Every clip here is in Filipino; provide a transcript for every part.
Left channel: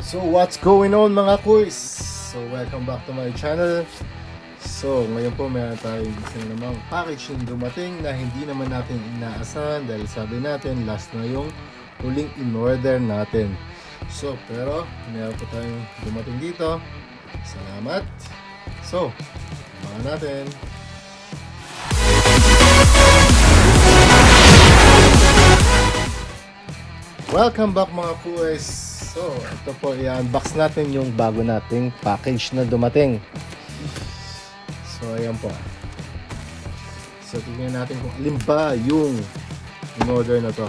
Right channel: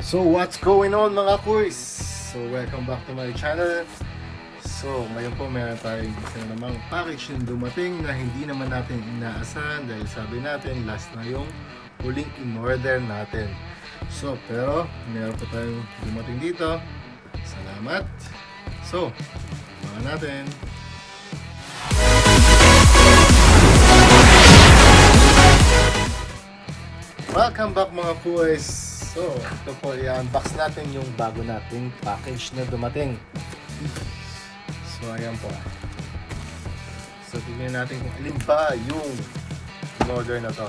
So what's going on mga kuys? So welcome back to my channel. So ngayon po meron tayong isang namang package yung dumating na hindi naman natin inaasahan dahil sabi natin last na yung huling in-order natin. So pero meron po tayong dumating dito. Salamat. So abangan natin. Welcome back mga kuys. So, ito po, i-unbox natin yung bago nating package na dumating. So, ayan po. So, tingnan natin kung alin ba yung in-order na to.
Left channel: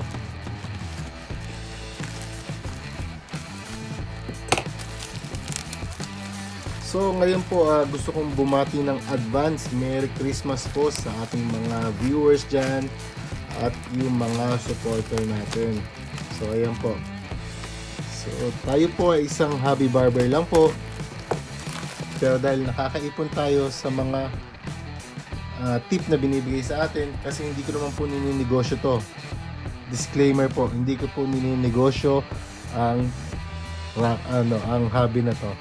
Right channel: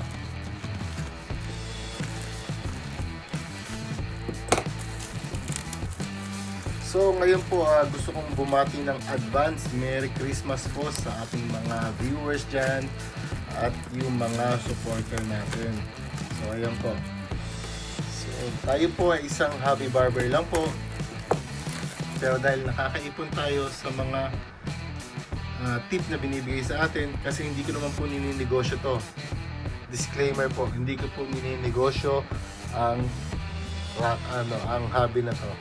So, ngayon po, gusto kong bumati ng advance Merry Christmas po sa ating mga viewers dyan at yung mga supporter natin. So, ayan po. So, tayo po ay isang hobby barber lang po. Pero dahil nakakaipon tayo sa mga tip na binibigay sa atin, kasi hindi ko naman po nininegosyo to. Disclaimer po, hindi ko po nininegosyo ang hobby na to.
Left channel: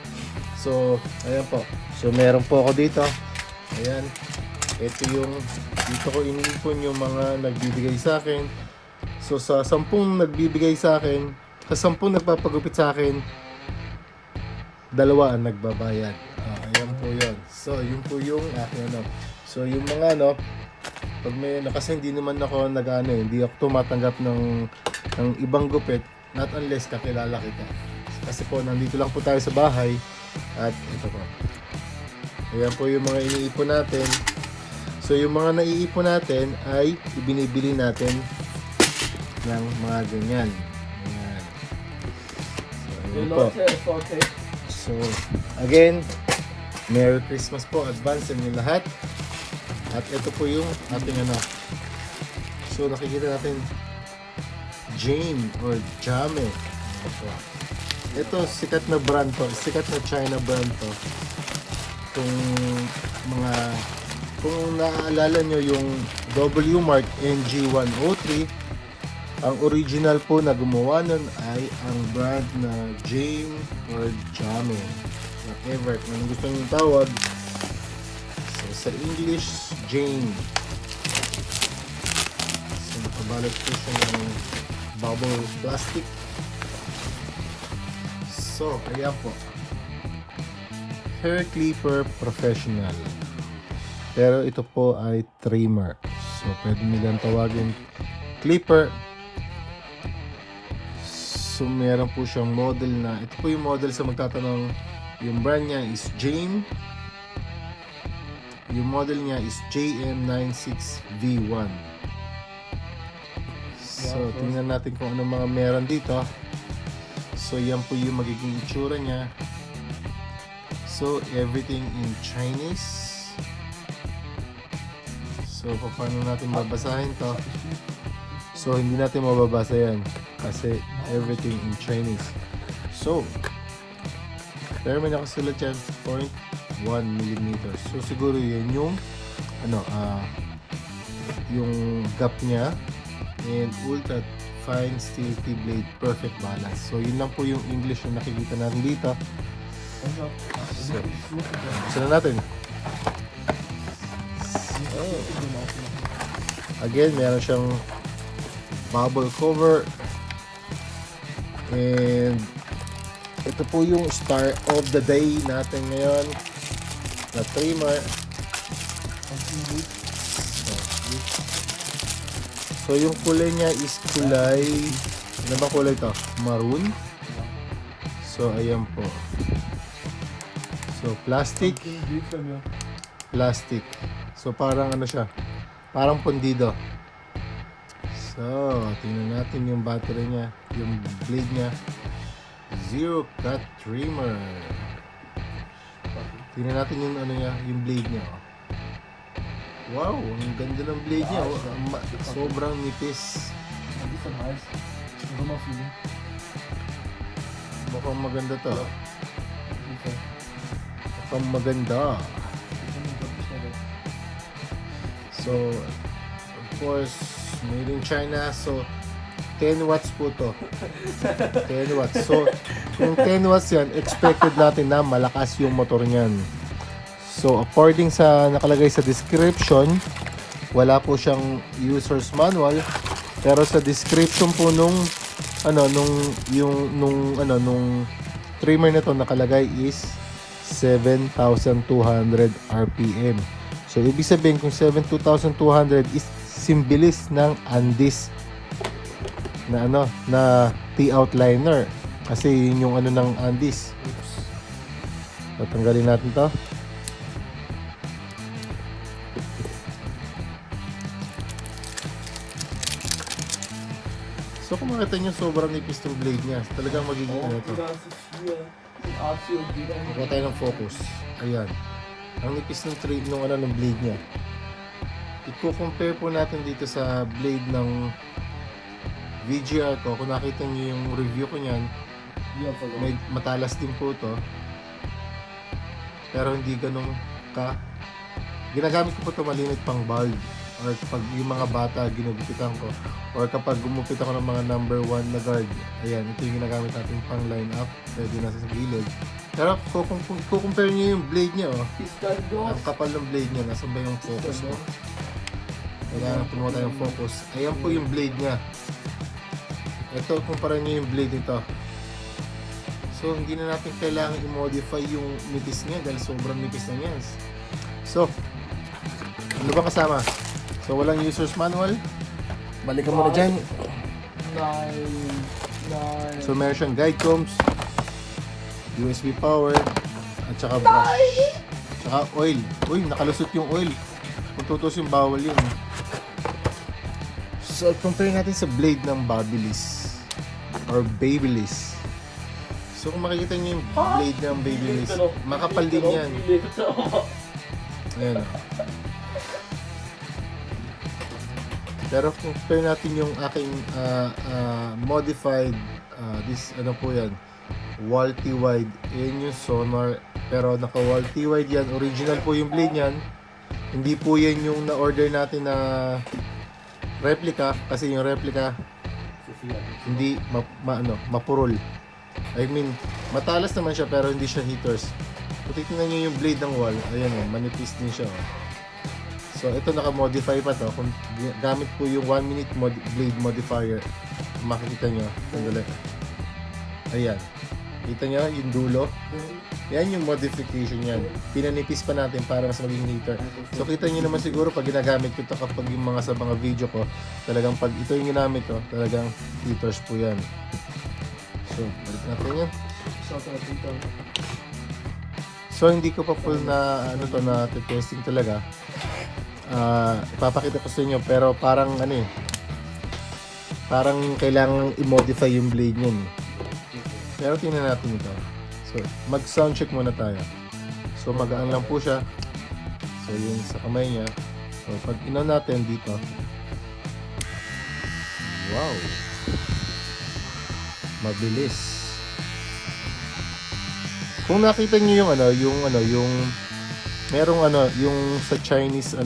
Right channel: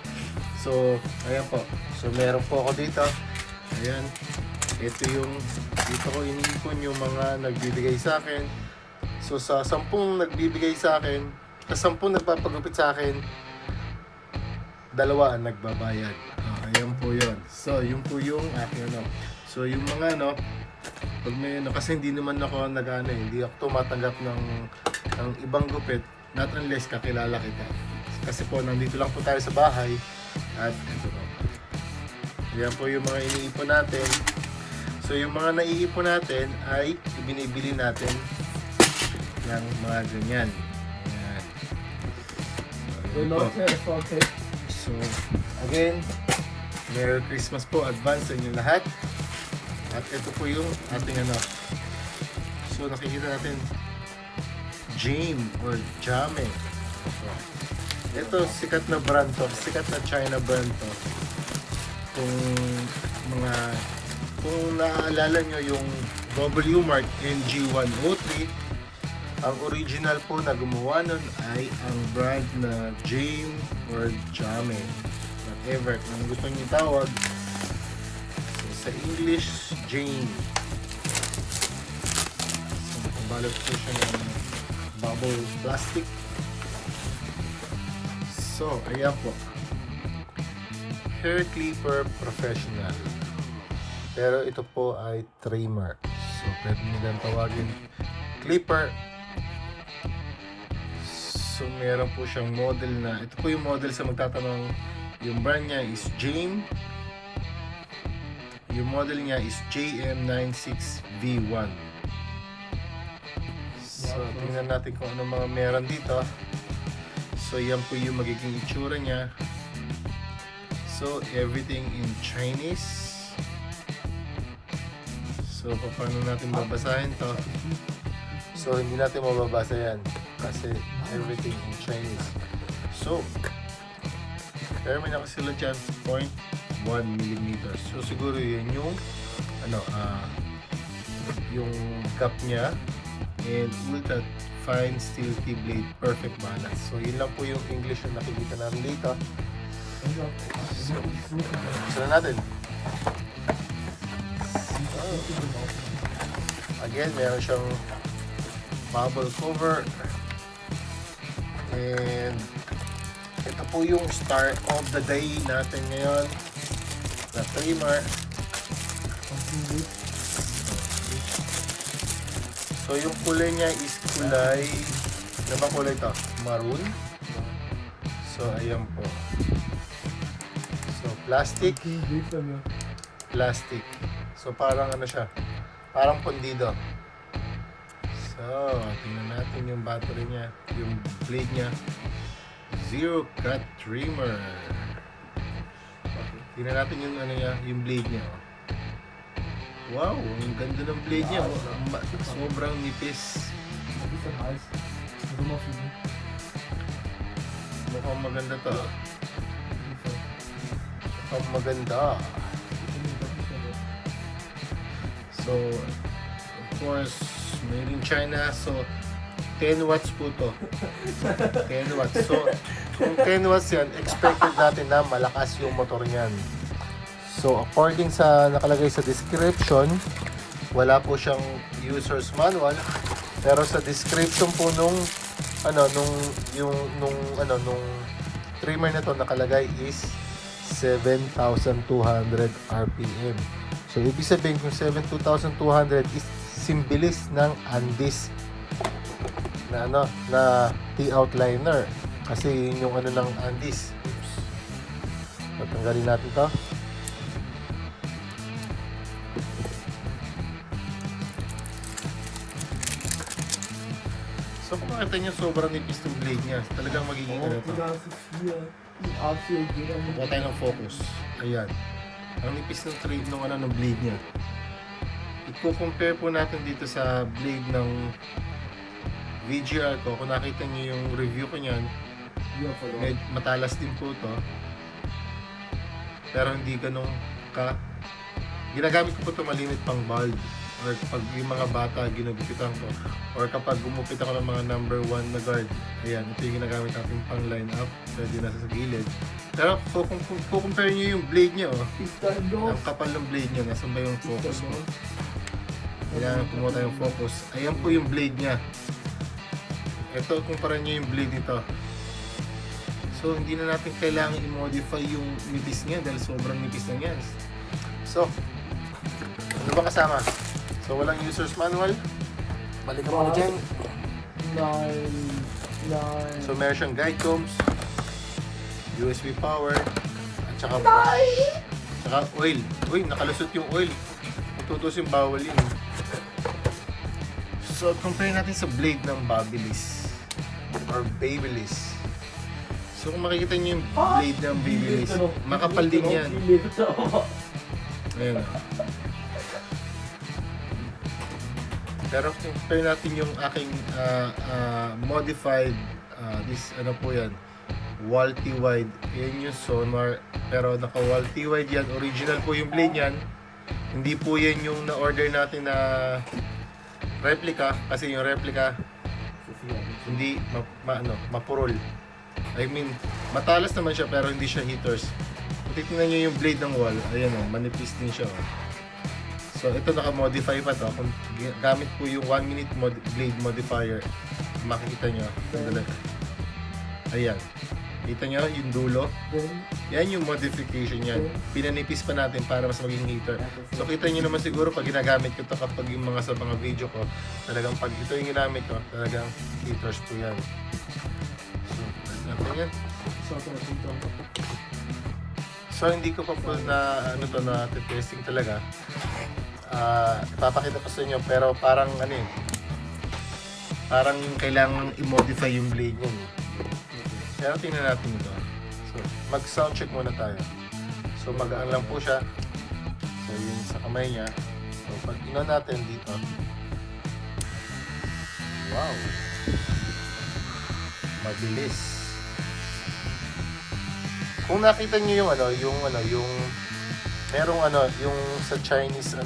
So, ayan po. So, meron po ako dito. Ayan. Ito yung, dito ko iniipon yung mga nagbibigay sa akin. So, sa 10 nagbibigay sa akin, sa 10 nagpapagupit sa akin, 2 ang nagbabayad. Ayan po yun. So, yun po yung aking So, yung mga pag may kasi hindi naman ako hindi ako tumatanggap ng ibang gupit, not unless kakilala kita. Kasi po, nandito lang po tayo sa bahay. At ito po. Ayan po yung mga iniipon natin. So, yung mga naiipon natin ay ibinibili natin ng mga ganyan. So, again, Merry Christmas po advance sa inyo lahat. At ito po yung ating So, nakikita natin Jame or Jame. Ito, sikat na brand to. Sikat na China brand to. Kung naaalala nyo yung WMark NG103, ang original po na gumawa nun ay ang brand na Jame or Jame, whatever kung gusto nyo tawag. So, sa English, Jame. So, nakabalot po siya ng bubble plastic. So, ayan po. Hair clipper professional. Pero ito po ay trimmer. So, pwede nilang tawagin clipper. So, meron po siyang model na, ito po yung model sa magtatanong, yung brand niya is Jame. Yung model niya is JM96V1. So, tingnan natin kung ano mga meron dito. So, yan po yung magiging itsura niya. So, everything in Chinese. So, paano natin babasahin to? So, hindi natin mababasa yan kasi everything in Chinese. So, pero may nakasulat yan 0.1 mm. So, siguro yun yung yung gap niya and ultra fine steel T-blade perfect balance. So, yun lang po yung English na nakikita natin dito. So, natin. Again, meron siyang bubble cover and ito po yung star of the day natin ngayon na trimmer. So yung kulay niya is kulay, ano ba kulay ito? Maroon. So ayan po. So plastic. So parang siya, parang pondido. So, tingnan natin yung battery niya, yung blade niya. Zero cut trimmer. Tingnan natin yung yung blade niya. Wow, ang ganda ng blade niya. Sobrang nipis. Mukhang maganda to. Mukhang maganda. So, of course, made in China. So, 10 watts po to. 10 watts. So, kung 10 watts yan, expected natin na malakas yung motor niyan. So, according sa nakalagay sa description, wala po siyang user's manual. Pero sa description po nung trimmer na to nakalagay is 7,200 RPM. So, ibig sabihin kung 7,200 is simbilis ng Andis na T-outliner. Kasi yun yung ng Andis. So, tanggalin natin to. So, kung makita nyo sobrang nipis ng blade niya, talagang magiging to. Kuha tayo ng focus. Ayan. Ang nipis ng trade ng blade niya. I-compare po natin dito sa blade ng VGR ko. Kung nakita niyo yung review ko niyan, matalas din po to. Pero hindi ganun ka. Ginagamit ko po ito malimit pang bulb. Or pag yung mga bata ginugupitan ko. Or kapag gumupit ako ng mga number 1 na guard. Ayan, ito yung ginagamit natin pang line up. Pwede nasa sa gilid. Pero kung compare niyo yung blade niya, ang kapal ng blade niya, nasan ba yung focus ko? Kailangan pumuha tayong focus. Ayan po yung blade niya. Ito, kumpara niyo yung blade nito. So, hindi na natin kailangan i-modify yung nipis niya dahil sobrang nipis na yan. So, ano ba kasama? So, walang user's manual. Balikan mo na dyan. So, meron siyang guide combs, USB power, at saka oil. Uy, nakalusot yung oil. Tutos yung bawal yun. So, compare natin sa blade ng Babyliss or Babyliss. So, kung makikita nyo yung blade ng Babyliss, makapal din yan. Ayan. Pero compare natin yung aking modified, po yan, Wahl twide. Yan yung Sonar. Pero naka-Wahl twide yan. Original po yung blade yan. Hindi po yan yung na-order natin na replica, kasi yung replica hindi mapurol. I mean, matalas naman siya pero hindi siya heaters. Kung titignan nyo yung blade ng Wahl, ayan manipis din siya. So ito naka-modify pa to. Kung gamit po yung 1 minute blade modifier, makikita nyo. Sandali. Ayan. Kita nyo yung dulo? Yan yung modification yan. Pinanipis pa natin para mas maging heater. So kita nyo naman siguro pag ginagamit ko ito kapag yung sa mga video ko, talagang pag ito yung ginamit ko, talagang heaters po yan. So, balik natin yan. So hindi ko pa full na na testing talaga. Ipapakita ko sa inyo pero parang parang kailangan i-modify yung blade niya. Pero tingnan natin ito. So, mag-sound check muna tayo. So, magaan lang po siya. So, yung sa kamay niya. So, pag ino natin dito. Wow! Mabilis. Kung nakita niyo yung merong yung sa Chinese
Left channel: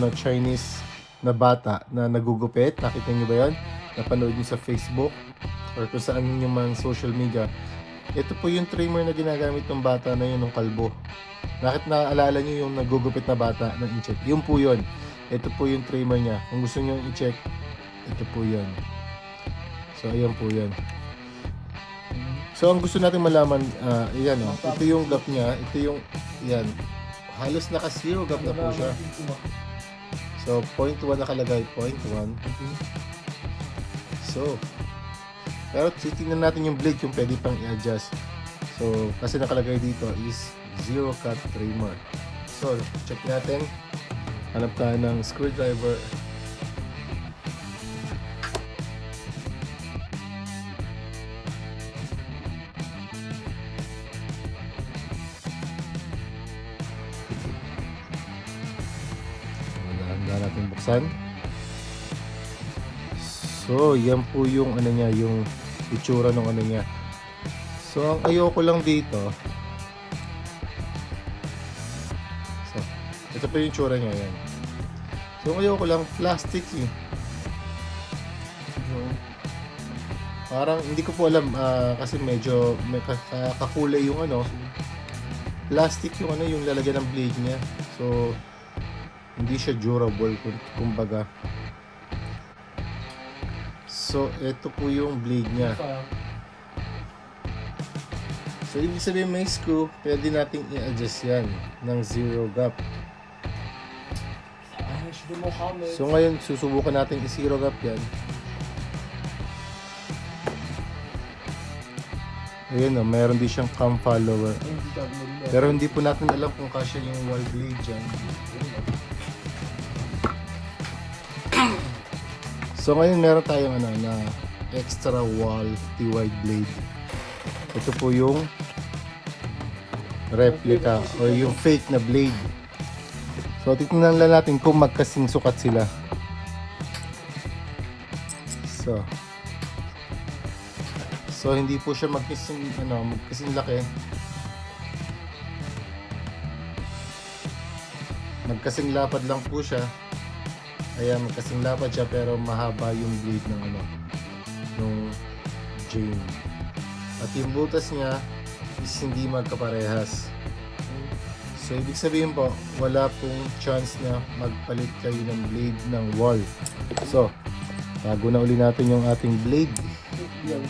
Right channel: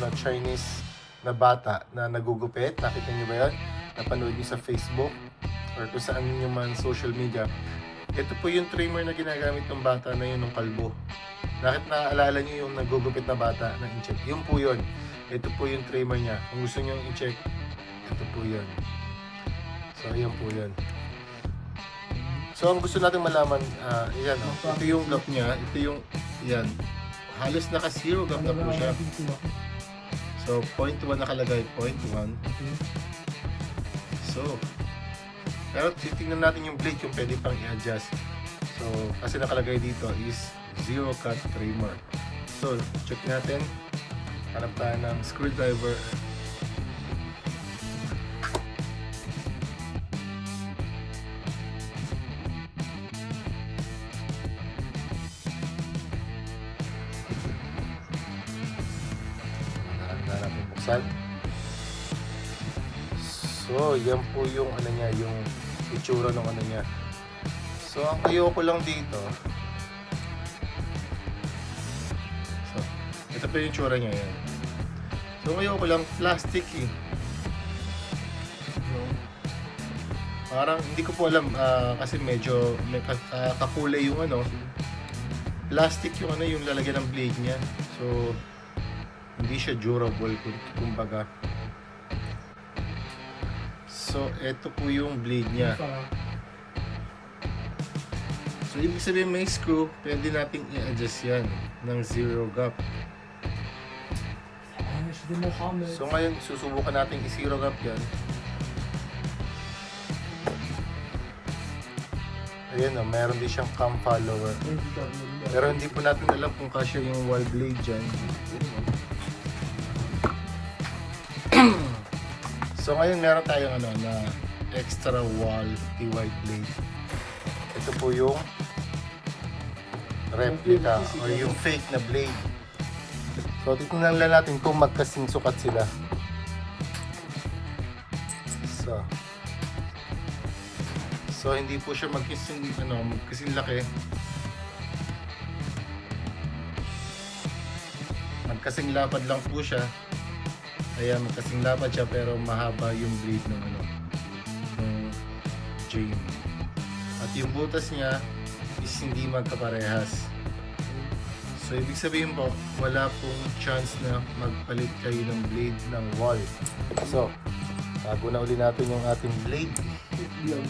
na bata na nagugupit. Nakita niyo ba 'yan? Napanood niyo sa Facebook or kung saan yung man social media. Ito po yung trimmer na ginagamit ng bata na yun ng kalbo. Bakit naaalala nyo yung nagugupit na bata na i-check? Yun po yun. Ito po yung trimmer niya. Kung gusto nyo i-check, ito po yan. So, ayan po yan. So, ang gusto natin malaman, ayan ito yung gap niya. Ito yung, ayan. Halos naka-zero gap na po siya. So, 0.1 nakalagay. 0.1. So, pero titingnan natin yung blade kung pwede pang i-adjust. So, kasi nakalagay dito is zero cut trimmer. So, check natin. Hanap tayo ng screwdriver. Dahan-dahan natin buksan. So, yan po yung niya, yung itsura ng niya. So, ang ayoko lang dito. So, ito po yung itsura niya yan. So, ayoko lang plastic . Parang hindi ko po alam kasi medyo kakulay yung ano, plastic yung ano, yung lalagyan ng blade niya. So hindi siya durable kumbaga. So ito po yung blade niya. So ibig sabihin may screw, pwede nating i-adjust yan ng zero gap. So ngayon susubukan natin i-zero gap yan. Ayun o, mayroon din siyang cam follower. Pero hindi po natin alam kung kasya yung wall blade dyan. So ngayon meron tayong ano na extra wall twide blade. Ito po yung replica o yung fake na blade. So tingnan lang natin kung magkasing sukat sila. So hindi po siya magkasing laki. Magkasing lapad lang po siya. Ayan, magkasing lapad siya pero mahaba yung blade ng Jame. At yung butas niya is hindi magkaparehas. So ibig sabihin po, wala pong chance na magpalit kayo ng blade ng wall. So bago na uli natin yung ating blade. Yan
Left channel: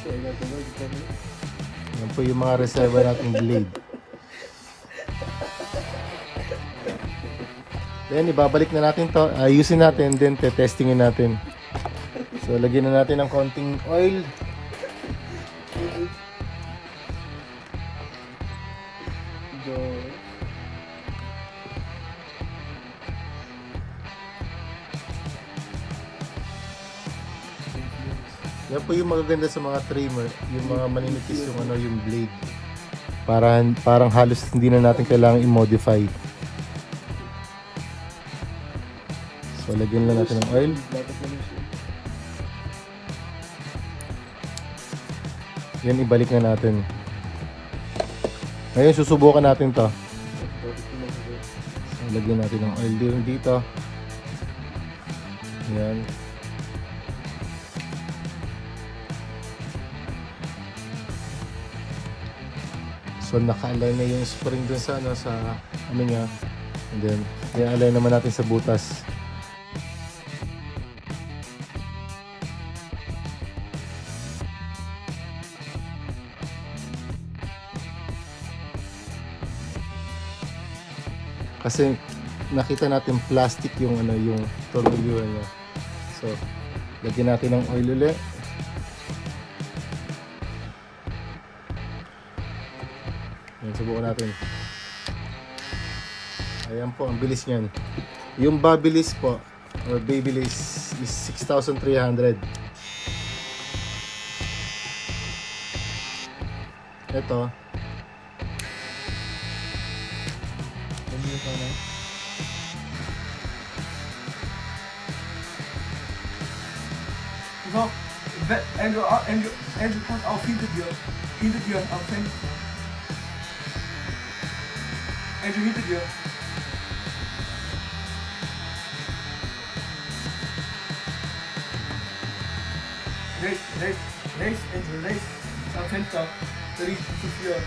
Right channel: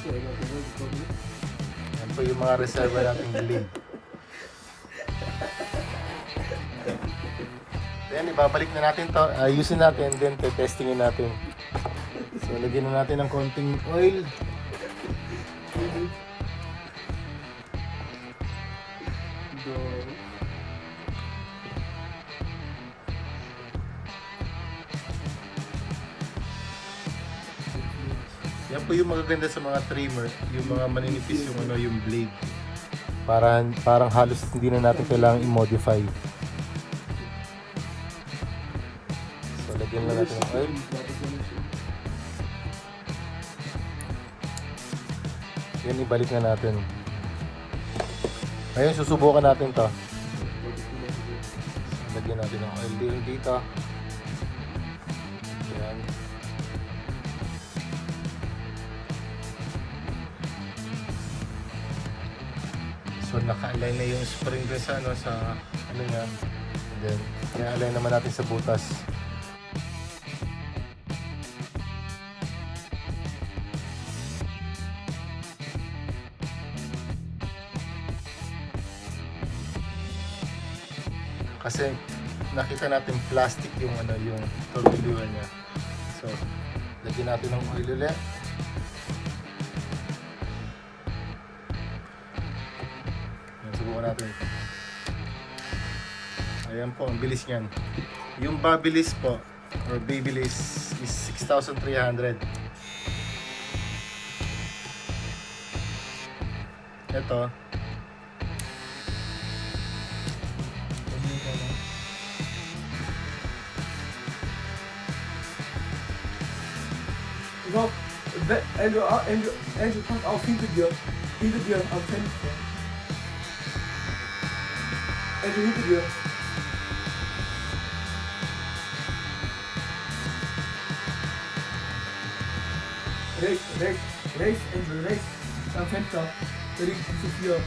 po yung mga reserva nating blade. Then ibabalik na natin to, ayusin natin, then testingin natin. So lagyan na natin ng konting oil. Yan po yung magaganda sa mga trimmer, yung mga maninipis yung ano, yung blade. Parang halos hindi na natin kailangan i-modify. So lagyan lang natin ng oil. Yan, ibalik na natin. Ngayon susubukan natin to. So, lagyan natin ng oil dito. Yan. So naka-align na yung spring dun sa ano niya. And then i-align naman natin sa butas. Kasi nakita natin plastic yung yung tornilyo niya. So lagyan natin ng oil ulit. Subukan natin. Ayan po, ang bilis niyan. Yung Babyliss po, or Babyliss is 6,300. Ito. Andrew, pass auf hinter dir am Fenster. Andrew, hinter dir. Rechts, Andrew, rechts. Am Fenster. Da liegt zu viel.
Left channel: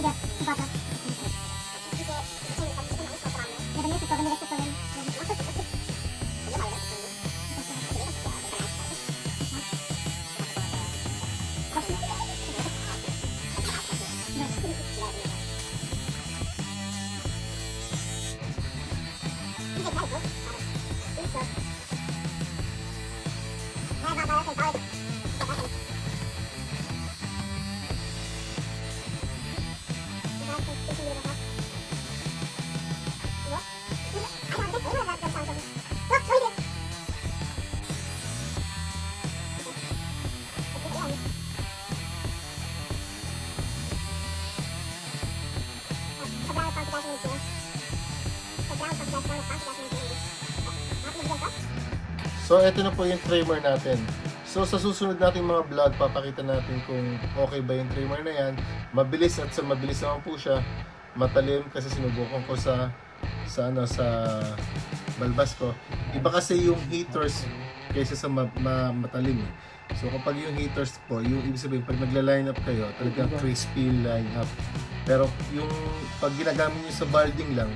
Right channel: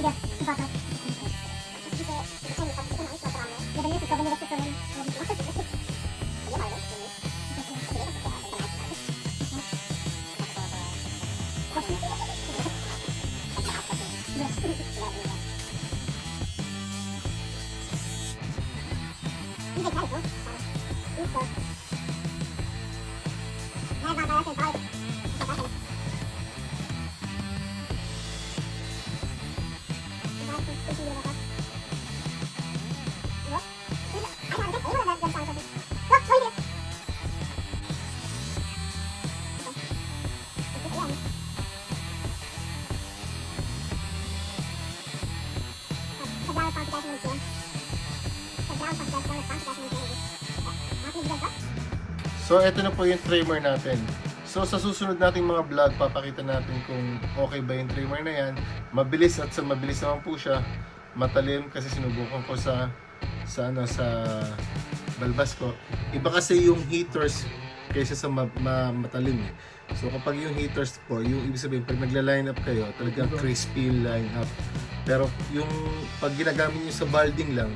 Sige, bata. So, ito na po yung trimmer natin. So, sa susunod nating mga vlog, papakita natin kung okay ba yung trimmer na yan. Mabilis at sa mabilis naman po siya. Matalim kasi sinubukan ko sa balbas ko. Iba kasi yung heaters kaysa sa matalim eh. So, kapag yung heaters po, yung ibig sabihin, pag nagla-line up kayo, talagang crispy line up. Pero yung pag ginagamit nyo sa balding lang,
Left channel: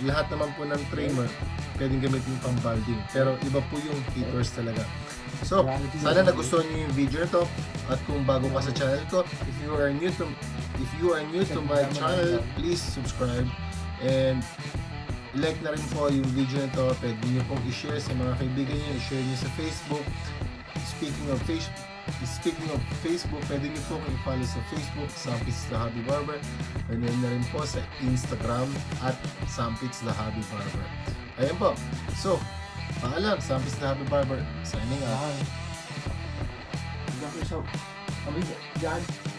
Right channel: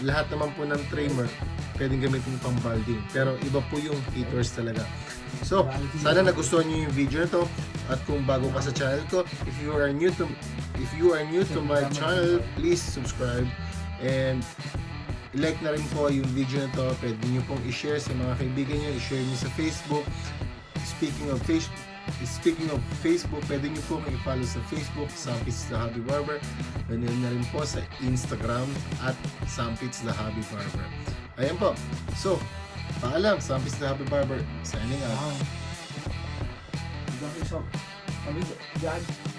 lahat naman po ng trimmer pwedeng gamitin pang balding, pero iba po yung heaters talaga. So, sana nagustuhan niyo yung video na to, at kung bago ka sa channel ko, if you are new to my channel, please subscribe and like na rin po yung video na to. Pwede niyo pong i-share sa mga kaibigan niyo, i-share niyo sa Facebook. Speaking of Facebook, pwede niyo pong i-follow sa Facebook, sampitzthehobbybarber. Ganun na rin po sa Instagram at sampitzthehobbybarber. Ayan po. So, paalam, Sampitz-the-Hobbybarber signing out. Diyan.